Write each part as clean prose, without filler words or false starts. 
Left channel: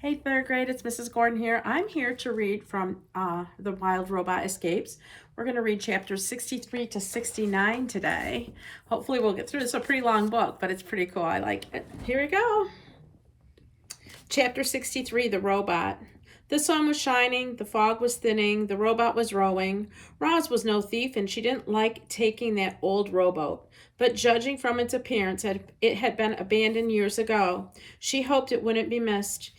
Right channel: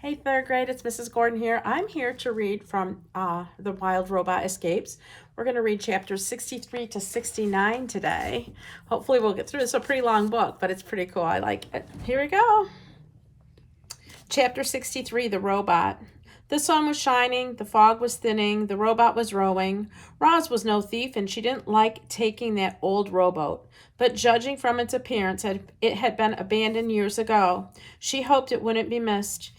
Hey, third grade, it's Mrs. Gordon here. I'm here to read from The Wild Robot Escapes. We're going to read chapters 63 to 69 today. Hopefully we'll get through. It's a pretty long book, but it's pretty cool. I like it. Here we go. Chapter 63, The Robot. The sun was shining, the fog was thinning, the robot was rowing. Roz was no thief, and she didn't like taking that old rowboat. But judging from its appearance, it had been abandoned years ago. She hoped it wouldn't be missed.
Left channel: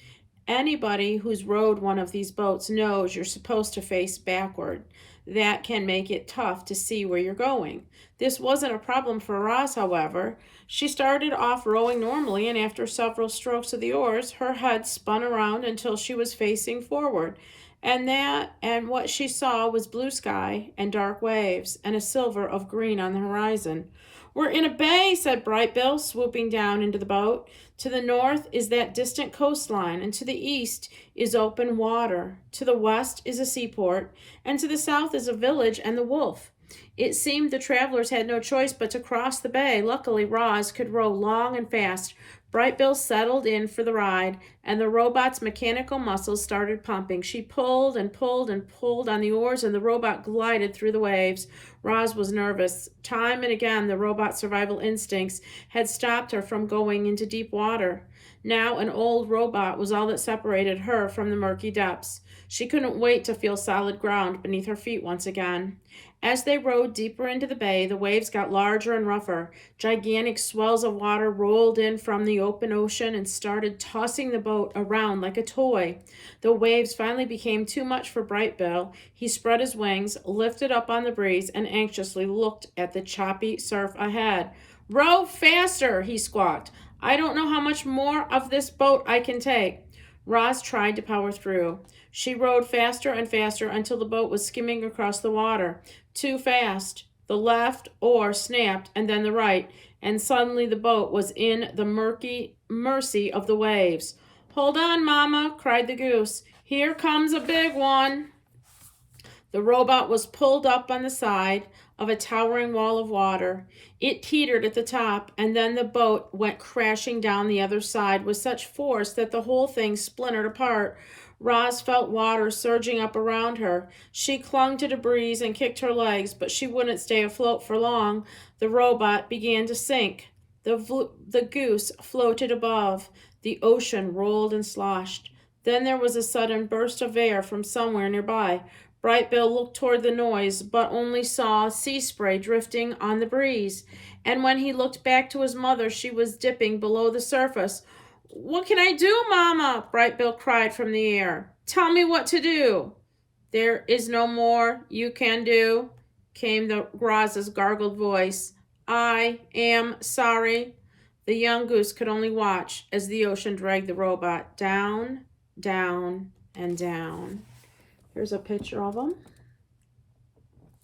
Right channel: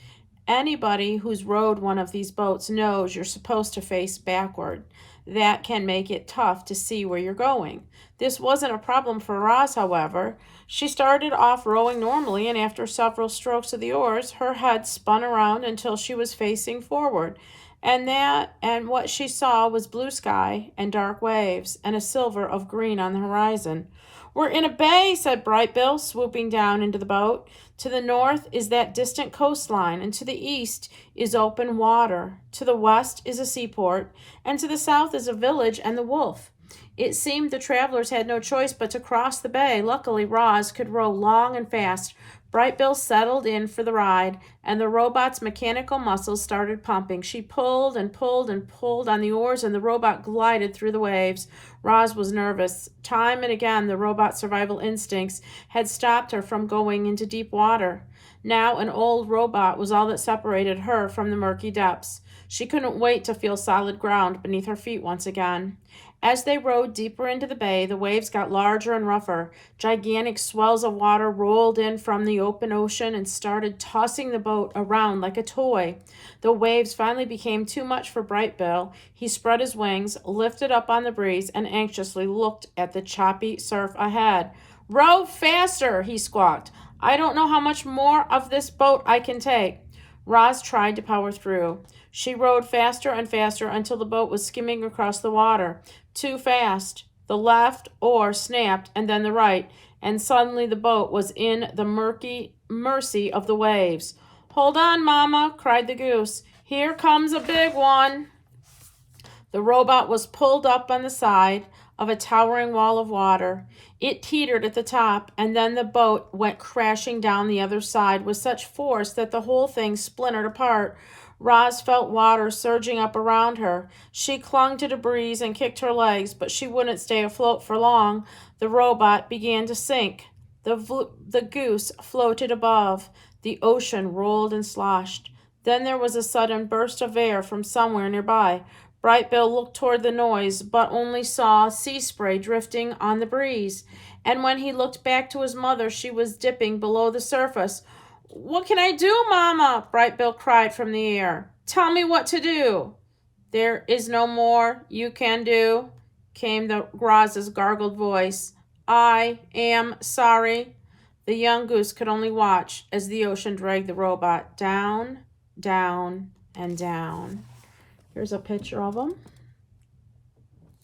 Anybody who's rowed one of these boats knows you're supposed to face backward. That can make it tough to see where you're going. This wasn't a problem for Roz, however. She started off rowing normally, and after several strokes of the oars, her head spun around until she was facing forward. And what she saw was blue sky and dark waves and a silver of green on the horizon. "We're in a bay," said Bright Bill, swooping down into the boat. "To the north is that distant coastline, and to the east is open water. To the west is a seaport, and to the south is a village and the wolf." It seemed the travelers had no choice but to cross the bay. Luckily, Roz could row long and fast. Bright Bill settled in for the ride, and the robot's mechanical muscles started pumping. She pulled and pulled and pulled on the oars, and the robot glided through the waves. Roz was nervous. Time and again, the robot's survival instincts had stopped her from going into deep water. Now an old robot was all that separated her from the murky depths. She couldn't wait to feel solid ground beneath her feet once again. As they rowed deeper into the bay, the waves got larger and rougher. Gigantic swells of water rolled in from the open ocean and started tossing the boat around like a toy. The waves finally became too much for Bright Bill. He spread his wings, lifted up on the breeze, and anxiously looked at the choppy surf ahead. "Row faster," he squawked. "I don't know how much more of this boat I can take." Roz tried to power through. She rowed faster and faster until the boat was skimming across the water. Too fast. The left oar snapped, and then the right, and suddenly the boat was in the murky mercy of the waves. "Hold on, Mama," cried the goose. "Here comes a big one." The robot was pulled up on the side of a towering wall of water. It teetered at the top, and then the boat went crashing down the other side with such force that the whole thing splintered apart. Roz felt water surging up around her. She clung to the breeze and kicked her legs, but she wouldn't stay afloat for long. The robot began to sink. The goose floated above. The ocean rolled and sloshed. Then there was a sudden burst of air from somewhere nearby. Bright Bill looked toward the noise, but only saw sea spray drifting on the breeze. And when he looked back to his mother, she was dipping below the surface. "What can I do, Mama?" Bright Bill cried from the air. "Tell me what to do." "There is no more you can do," came the Roz's gargled voice. "I am sorry." The young goose could only watch as the ocean dragged the robot down, down, and down. Here's a picture of him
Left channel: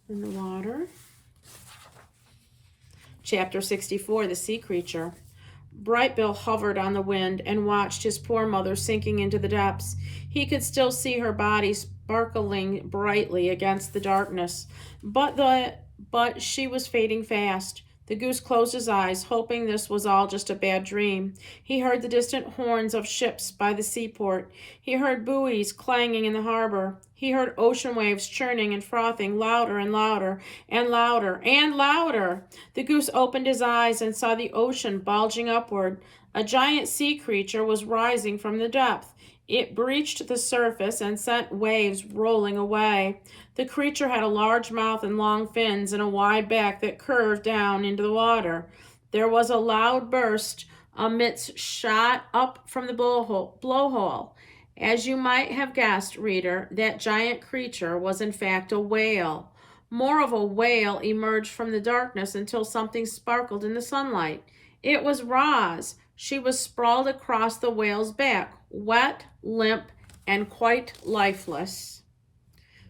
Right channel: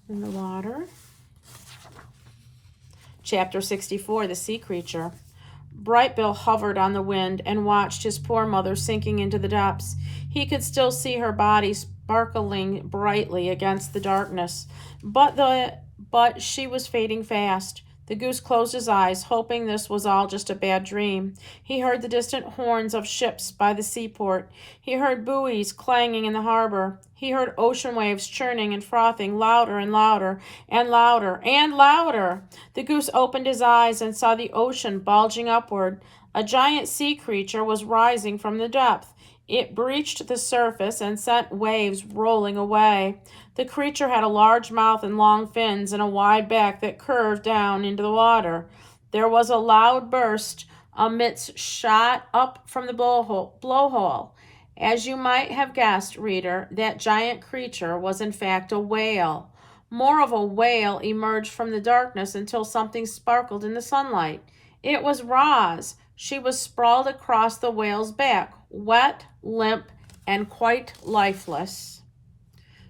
in the water. Chapter 64, The Sea Creature. Bright Bill hovered on the wind and watched his poor mother sinking into the depths. He could still see her body sparkling brightly against the darkness, but she was fading fast. The goose closed his eyes, hoping this was all just a bad dream. He heard the distant horns of ships by the seaport. He heard buoys clanging in the harbor. He heard ocean waves churning and frothing louder and louder and louder and louder. The goose opened his eyes and saw the ocean bulging upward. A giant sea creature was rising from the depth. It breached the surface and sent waves rolling away. The creature had a large mouth and long fins and a wide back that curved down into the water. There was a loud burst. A mist shot up from the blowhole. As you might have guessed, reader, that giant creature was in fact a whale. More of a whale emerged from the darkness until something sparkled in the sunlight. It was Roz. She was sprawled across the whale's back, wet, limp, and quite lifeless.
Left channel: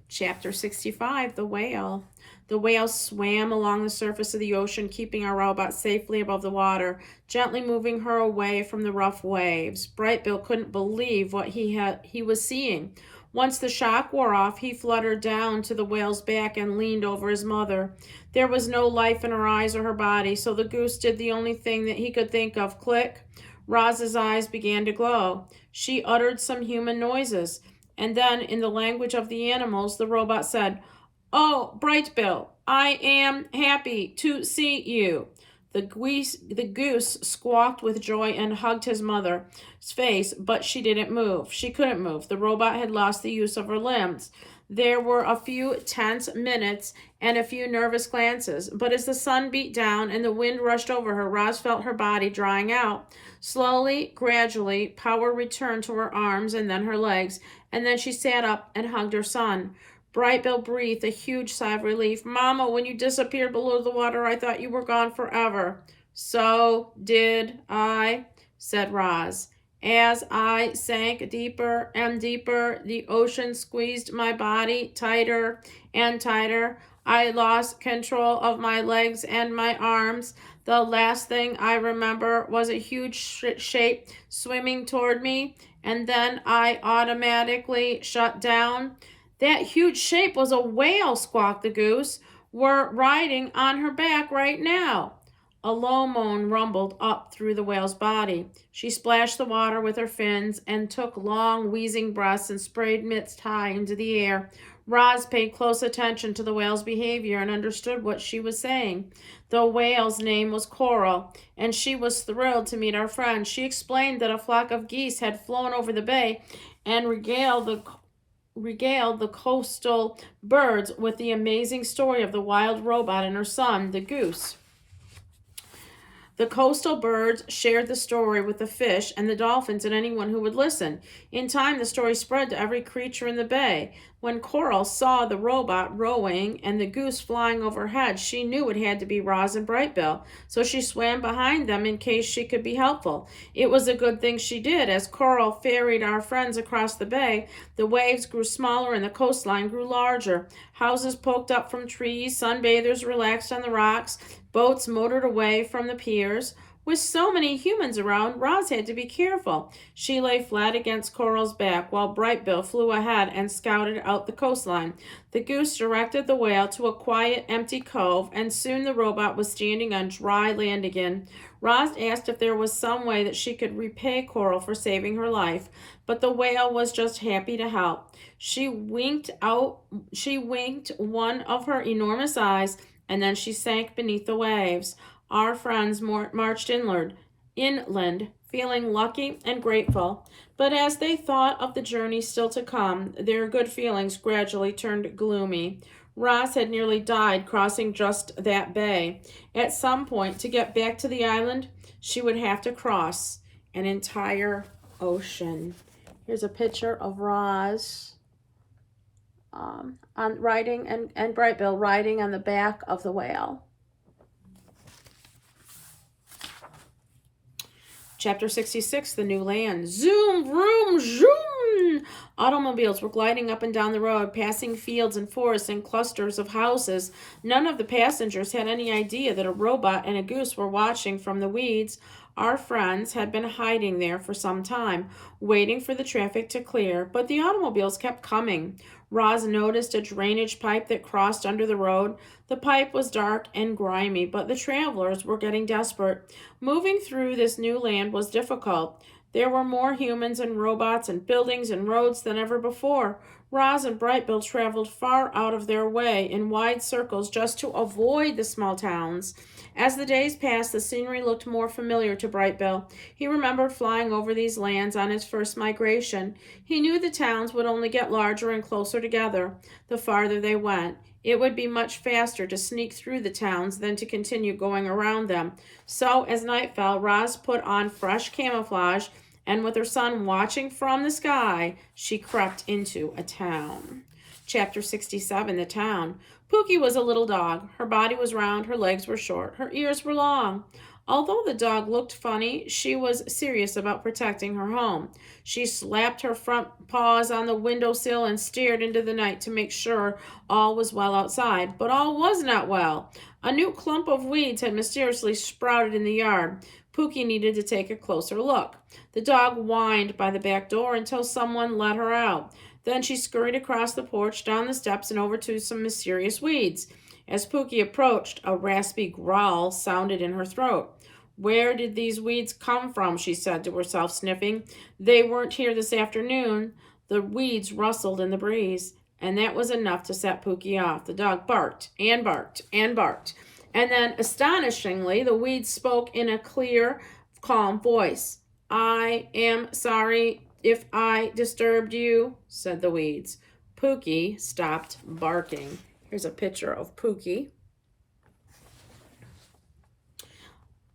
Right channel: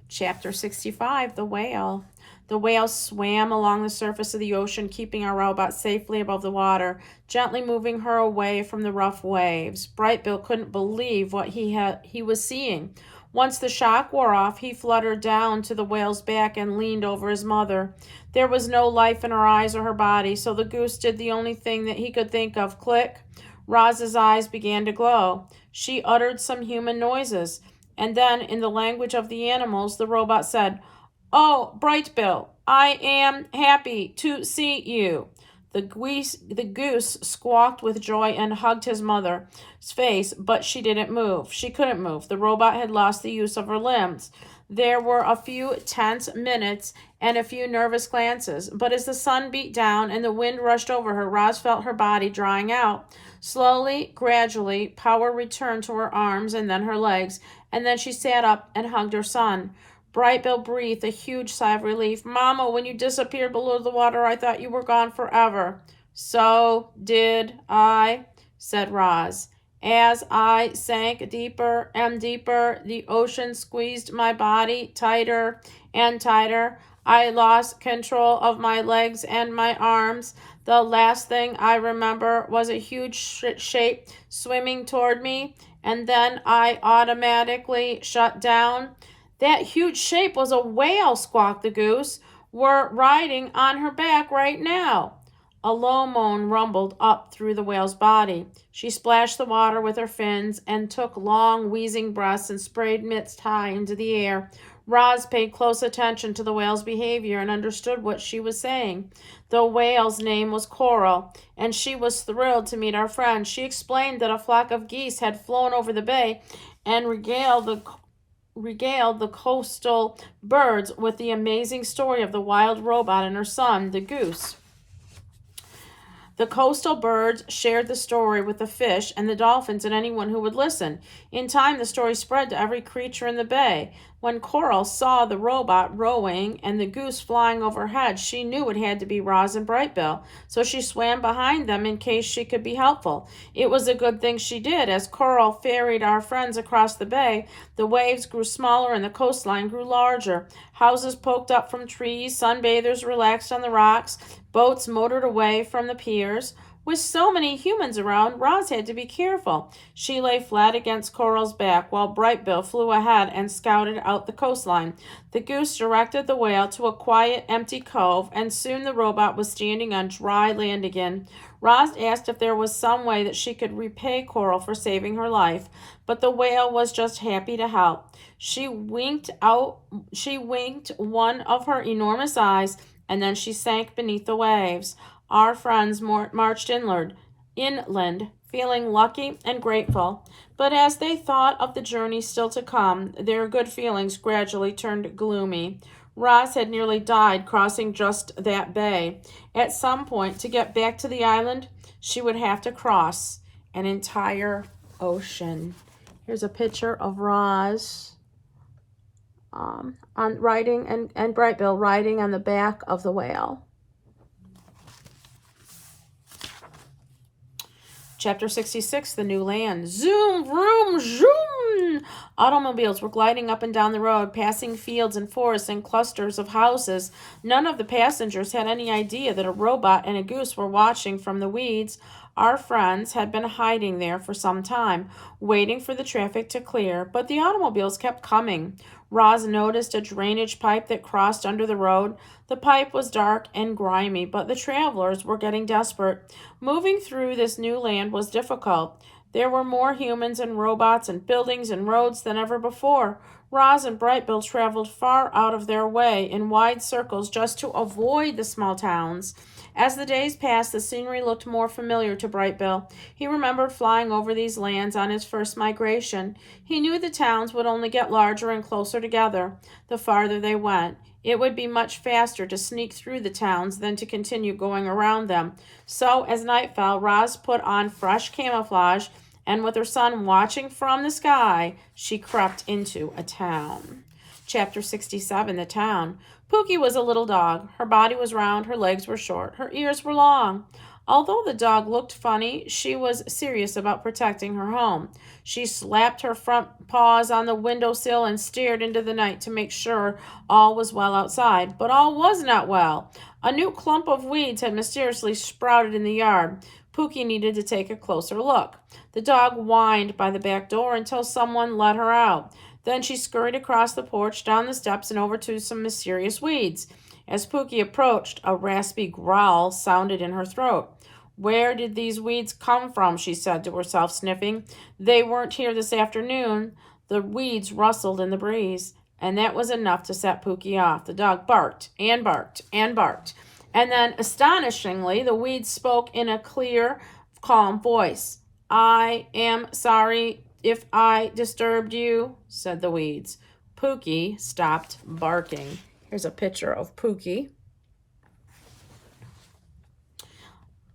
Chapter 65, The Whale. The whale swam along the surface of the ocean, keeping our robot safely above the water, gently moving her away from the rough waves. Bright Bill couldn't believe what he was seeing. Once the shock wore off, he fluttered down to the whale's back and leaned over his mother. There was no life in her eyes or her body, so the goose did the only thing that he could think of. Click. Roz's eyes began to glow. She uttered some human noises, and then, in the language of the animals, the robot said, "Oh, Brightbill, I am happy to see you." The goose squawked with joy and hugged his mother's face, but she didn't move. She couldn't move. The robot had lost the use of her limbs. There were a few tense minutes and a few nervous glances, but as the sun beat down and the wind rushed over her, Roz felt her body drying out. Slowly, gradually, power returned to her arms and then her legs, and then she sat up and hugged her son. Brightbill breathed a huge sigh of relief. "Mama, when you disappeared below the water, I thought you were gone forever." "So did I," said Roz. "As I sank deeper and deeper, the ocean squeezed my body tighter and tighter. I lost control of my legs and my arms. The last thing I remember was a huge shape swimming toward me, and then I automatically shut down." "That huge shape was a whale," squawked the goose. "We're riding on her back right now." A low moan rumbled up through the whale's body. She splashed the water with her fins and took long, wheezing breaths and sprayed mitts high into the air. Roz paid close attention to the whale's behavior and understood what she was saying. The whale's name was Coral, and she was thrilled to meet our friend. She explained that a flock of geese had flown over the bay and regaled the coastal birds with the amazing story of the wild robot and her son, the goose. The coastal birds shared the story with the fish and the dolphins and anyone who would listen. In time, the story spread to every creature in the bay. When Coral saw the robot rowing and the goose flying overhead, she knew it had to be Roz and Brightbill, so she swam behind them in case she could be helpful. It was a good thing she did. As Coral ferried our friends across the bay, the waves grew smaller and the coastline grew larger. Houses poked up from trees, sunbathers relaxed on the rocks, boats motored away from the piers. With so many humans around, Roz had to be careful. She lay flat against Coral's back while Brightbill flew ahead and scouted out the coastline. The goose directed the whale to a quiet, empty cove, and soon the robot was standing on dry land again. Roz asked if there was some way that she could repay Coral for saving her life, but the whale was just happy to help. She winked one of her enormous eyes, and then she sank beneath the waves. Our friends marched inland, feeling lucky and grateful. But as they thought of the journey still to come, their good feelings gradually turned gloomy. Roz had nearly died crossing just that bay. At some point, to get back to the island, she would have to cross an entire ocean. Here's a picture of Roz on riding and Brightbill riding on the back of the whale. Chapter 66, The New Land. Zoom, vroom, zoom! Automobiles were gliding up and down the road, passing fields and forests and clusters of houses. None of the passengers had any idea that a robot and a goose were watching from the weeds. Our friends had been hiding there for some time, waiting for the traffic to clear, but the automobiles kept coming. Roz noticed a drainage pipe that crossed under the road. The pipe was dark and grimy, but the travelers were getting desperate. Moving through this new land was difficult. There were more humans and robots and buildings and roads than ever before. Roz and Brightbill traveled far out of their way in wide circles just to avoid the small towns. As the days passed, the scenery looked more familiar to Brightbill. He remembered flying over these lands on his first migration. He knew the towns would only get larger and closer together the farther they went. It would be much faster to sneak through the towns than to continue going around them. So, as night fell, Roz put on fresh camouflage, and with her son watching from the sky, she crept into a town. Chapter 67, The Town. Pookie was a little dog. Her body was round, her legs were short, her ears were long. Although the dog looked funny, she was serious about protecting her home. She slapped her front paws on the windowsill and stared into the night to make sure all was well outside. But all was not well. A new clump of weeds had mysteriously sprouted in the yard. Pookie needed to take a closer look. The dog whined by the back door until someone let her out. Then she scurried across the porch, down the steps, and over to some mysterious weeds. As Pookie approached, a raspy growl sounded in her throat. Where did these weeds come from? She said to herself, sniffing. They weren't here this afternoon. The weeds rustled in the breeze, and that was enough to set Pookie off. The dog barked and barked and barked. And then, astonishingly, the weeds spoke in a clear, calm voice. I am sorry if I disturbed you, said the weeds. Pookie stopped barking. Here's a picture of Pookie.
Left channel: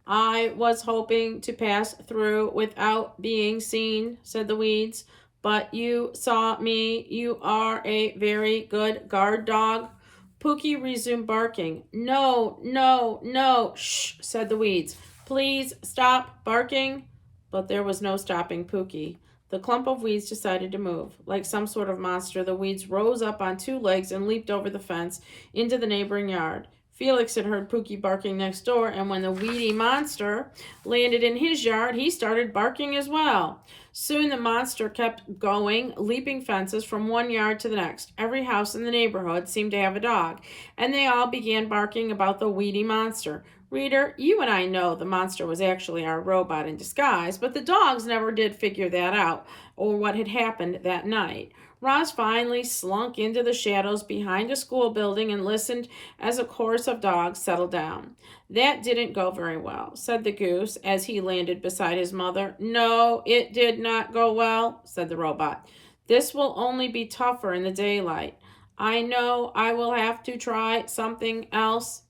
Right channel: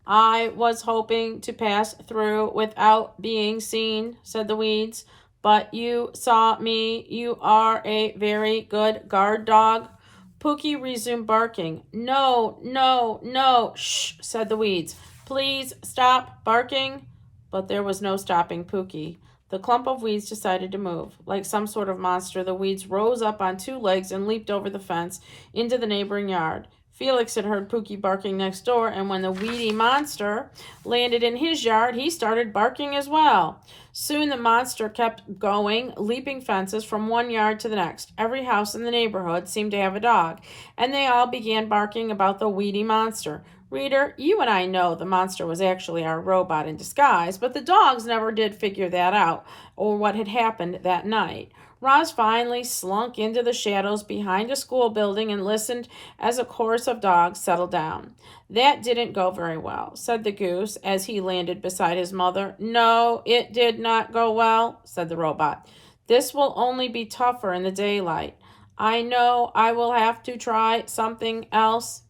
I was hoping to pass through without being seen, said the weeds. But you saw me. You are a very good guard dog. Pookie resumed barking. No, no, no, shh, said the weeds. Please stop barking. But there was no stopping Pookie. The clump of weeds decided to move. Like some sort of monster, the weeds rose up on two legs and leaped over the fence into the neighboring yard. Felix had heard Pookie barking next door, and when the weedy monster landed in his yard, he started barking as well. Soon the monster kept going, leaping fences from one yard to the next. Every house in the neighborhood seemed to have a dog, and they all began barking about the weedy monster. Reader, you and I know the monster was actually our robot in disguise, but the dogs never did figure that out or what had happened that night. Roz finally slunk into the shadows behind a school building and listened as a chorus of dogs settled down. That didn't go very well, said the goose as he landed beside his mother. No, it did not go well, said the robot. This will only be tougher in the daylight. I know I will have to try something else.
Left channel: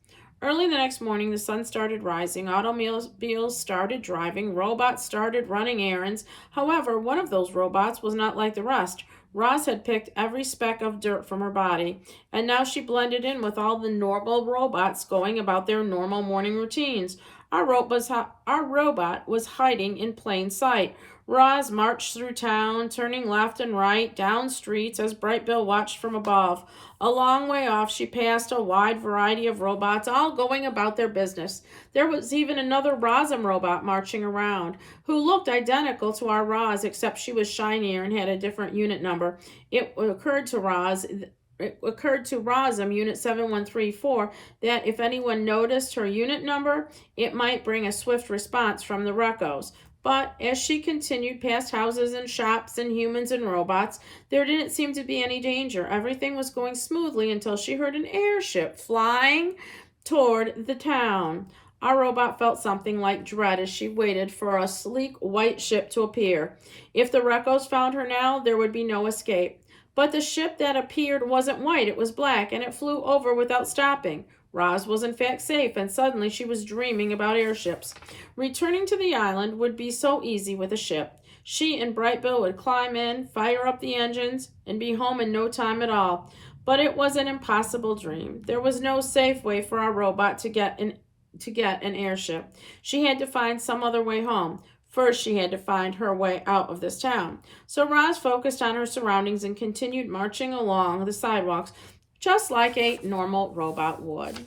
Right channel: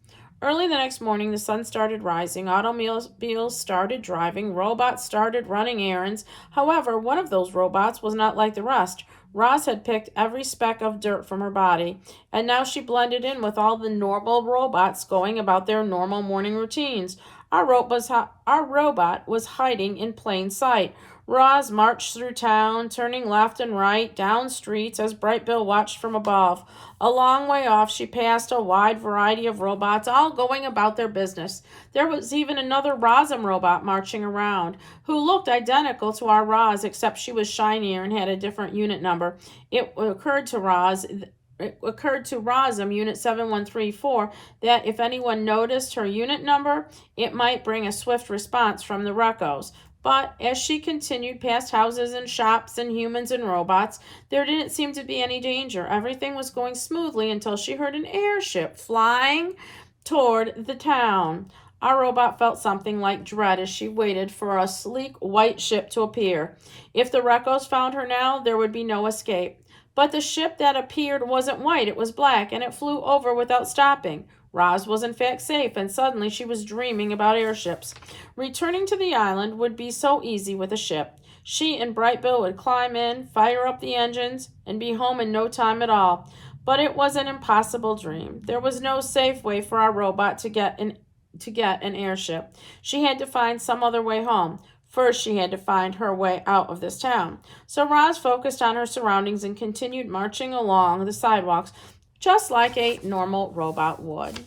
Early the next morning, the sun started rising, automobiles started driving, robots started running errands. However, one of those robots was not like the rest. Roz had picked every speck of dirt from her body, and now she blended in with all the normal robots going about their normal morning routines. Our robot was hiding in plain sight. Roz marched through town, turning left and right, down streets as Bright Bill watched from above. A long way off, she passed a wide variety of robots, all going about their business. There was even another Rosum robot marching around, who looked identical to our Roz, except she was shinier and had a different unit number. It occurred to Rosum, Unit 7134, that if anyone noticed her unit number, it might bring a swift response from the Recos. But as she continued past houses and shops and humans and robots, there didn't seem to be any danger. Everything was going smoothly until she heard an airship flying toward the town. Our robot felt something like dread as she waited for a sleek white ship to appear. If the Recos found her now, there would be no escape. But the ship that appeared wasn't white, it was black, and it flew over without stopping. Roz was in fact safe, and suddenly she was dreaming about airships. Returning to the island would be so easy with a ship. She and Bright Bill would climb in, fire up the engines, and be home in no time at all. But it was an impossible dream. There was no safe way for our robot to get an airship. She had to find some other way home. First, she had to find her way out of this town. So Roz focused on her surroundings and continued marching along the sidewalks just like a normal robot would.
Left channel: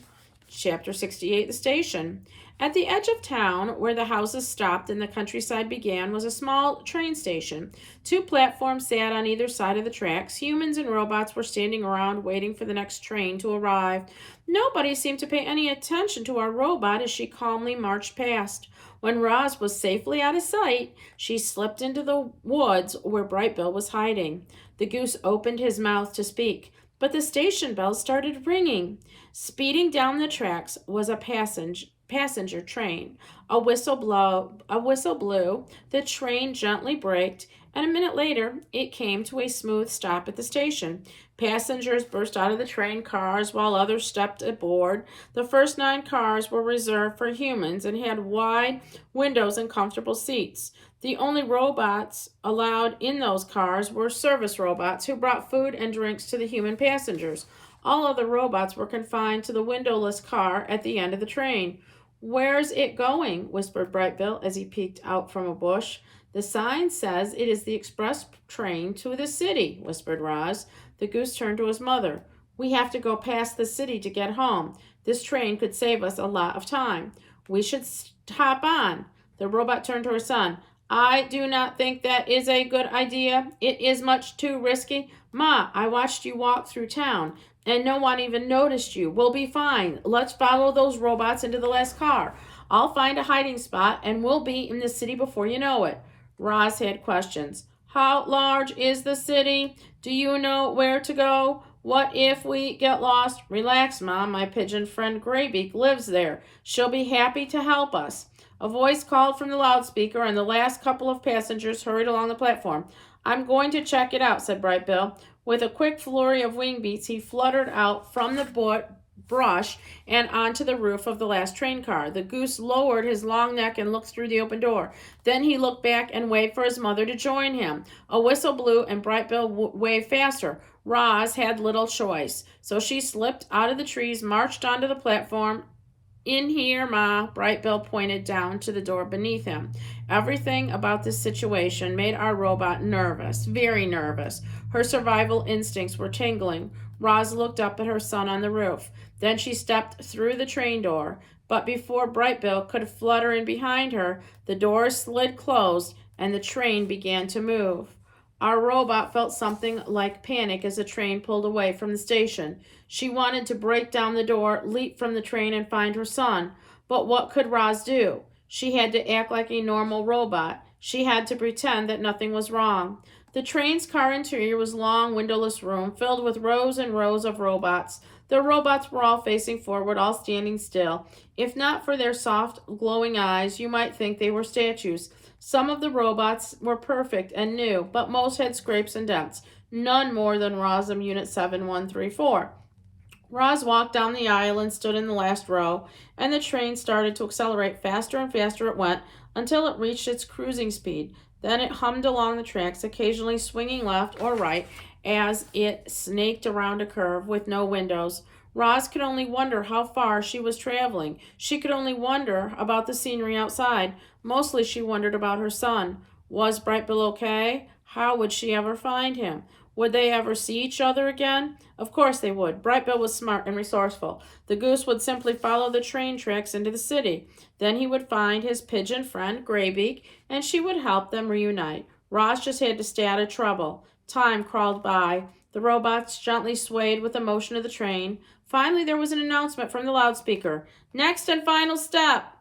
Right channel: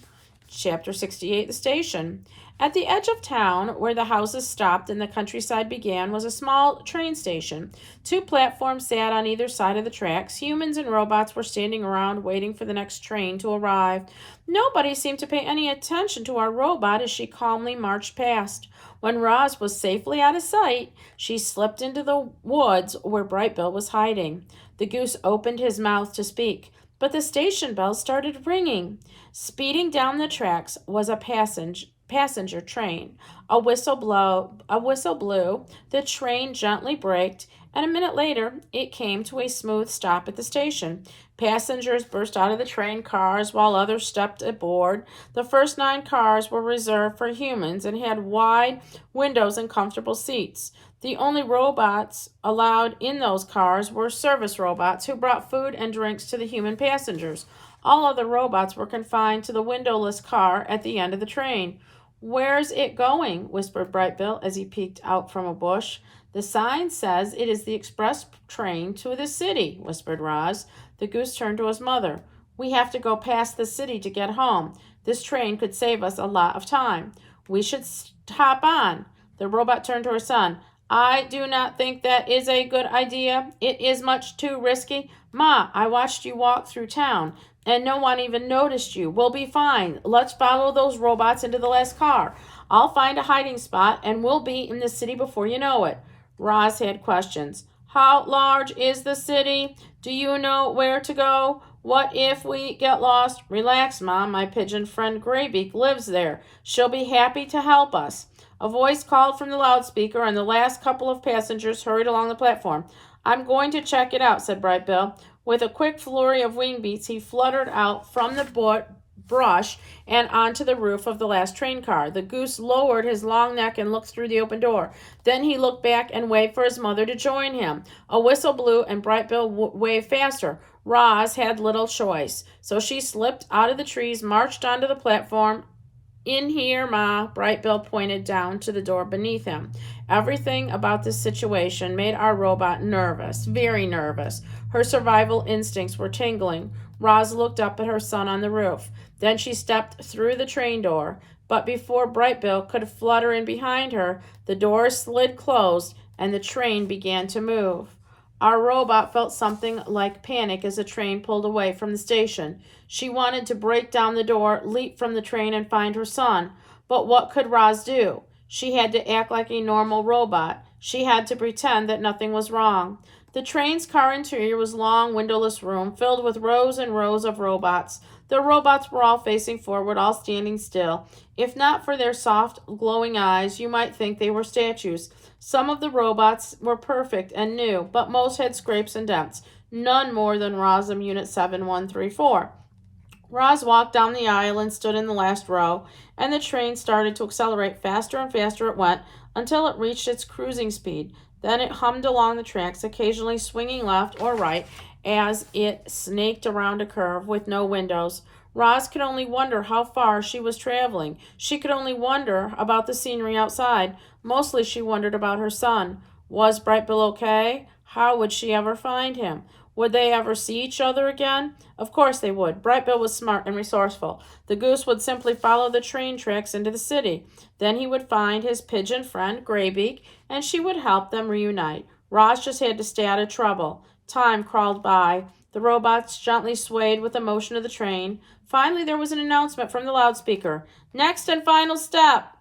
Chapter 68, The Station. At the edge of town, where the houses stopped and the countryside began, was a small train station. Two platforms sat on either side of the tracks. Humans and robots were standing around waiting for the next train to arrive. Nobody seemed to pay any attention to our robot as she calmly marched past. When Roz was safely out of sight, she slipped into the woods where Bright Bill was hiding. The goose opened his mouth to speak, but the station bell started ringing. Speeding down the tracks was a passenger train. A whistle blew, the train gently braked, and a minute later it came to a smooth stop at the station. Passengers burst out of the train cars while others stepped aboard. The first 9 cars were reserved for humans and had wide windows and comfortable seats. The only robots allowed in those cars were service robots who brought food and drinks to the human passengers. All other robots were confined to the windowless car at the end of the train. Where's it going? Whispered Bright Bill as he peeked out from a bush. The sign says it is the express train to the city, whispered Roz. The goose turned to his mother. We have to go past the city to get home. This train could save us a lot of time. We should hop on. The robot turned to her son. I do not think that is a good idea. It is much too risky. Ma, I watched you walk through town, and no one even noticed you. We'll be fine. Let's follow those robots into the last car. I'll find a hiding spot and we'll be in the city before you know it. Roz had questions. How large is the city? Do you know where to go? What if we get lost? Relax, Mom. My pigeon friend Graybeak lives there. She'll be happy to help us. A voice called from the loudspeaker, and the last couple of passengers hurried along the platform. I'm going to check it out, said Bright Bill. With a quick flurry of wing beats, he fluttered out from the brush and onto the roof of the last train car. The goose lowered his long neck and looked through the open door. Then he looked back and waved for his mother to join him. A whistle blew, and Bright Bill waved faster. Roz had little choice, so she slipped out of the trees, marched onto the platform. In here, Ma, Bright Bill pointed down to the door beneath him. Everything about this situation made our robot nervous, very nervous. Her survival instincts were tingling. Roz looked up at her son on the roof. Then she stepped through the train door. But before Bright Bill could flutter in behind her, the door slid closed and the train began to move. Our robot felt something like panic as the train pulled away from the station. She wanted to break down the door, leap from the train, and find her son. But what could Roz do? She had to act like a normal robot. She had to pretend that nothing was wrong. The train's car interior was a long, windowless room filled with rows and rows of robots. The robots were all facing forward, all standing still. If not for their soft, glowing eyes, you might think they were statues. Some of the robots were perfect and new, but most had scrapes and dents. None more than Rosum Unit 7134. Roz walked down the aisle and stood in the last row, and the train started to accelerate. Faster and faster it went until it reached its cruising speed. Then it hummed along the tracks, occasionally swinging left or right as it snaked around a curve with no windows. Roz could only wonder how far she was traveling. She could only wonder about the scenery outside. Mostly she wondered about her son. Was Bright Bill okay? How would she ever find him? Would they ever see each other again? Of course they would. Bright Bill was smart and resourceful. The goose would simply follow the train tracks into the city. Then he would find his pigeon friend, Graybeak, and she would help them reunite. Roz just had to stay out of trouble. Time crawled by. The robots gently swayed with the motion of the train. Finally, there was an announcement from the loudspeaker. Next and final stop.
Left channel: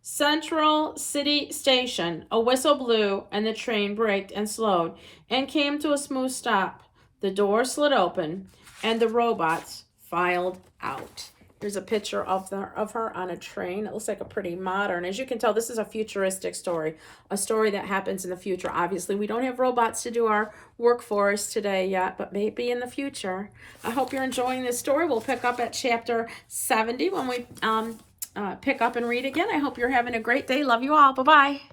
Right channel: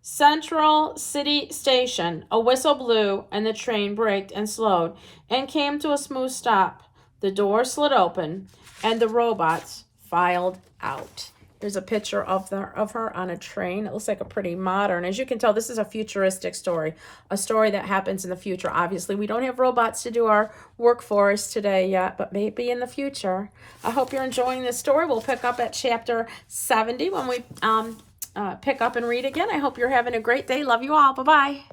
Central City Station. A whistle blew, and the train braked and slowed and came to a smooth stop. The door slid open, and the robots filed out. There's a picture of her on a train. It looks like a pretty modern. As you can tell, this is a futuristic story, a story that happens in the future. Obviously, we don't have robots to do our work for us today yet, but maybe in the future. I hope you're enjoying this story. We'll pick up at chapter 70 when we pick up and read again. I hope you're having a great day. Love you all. Bye-bye.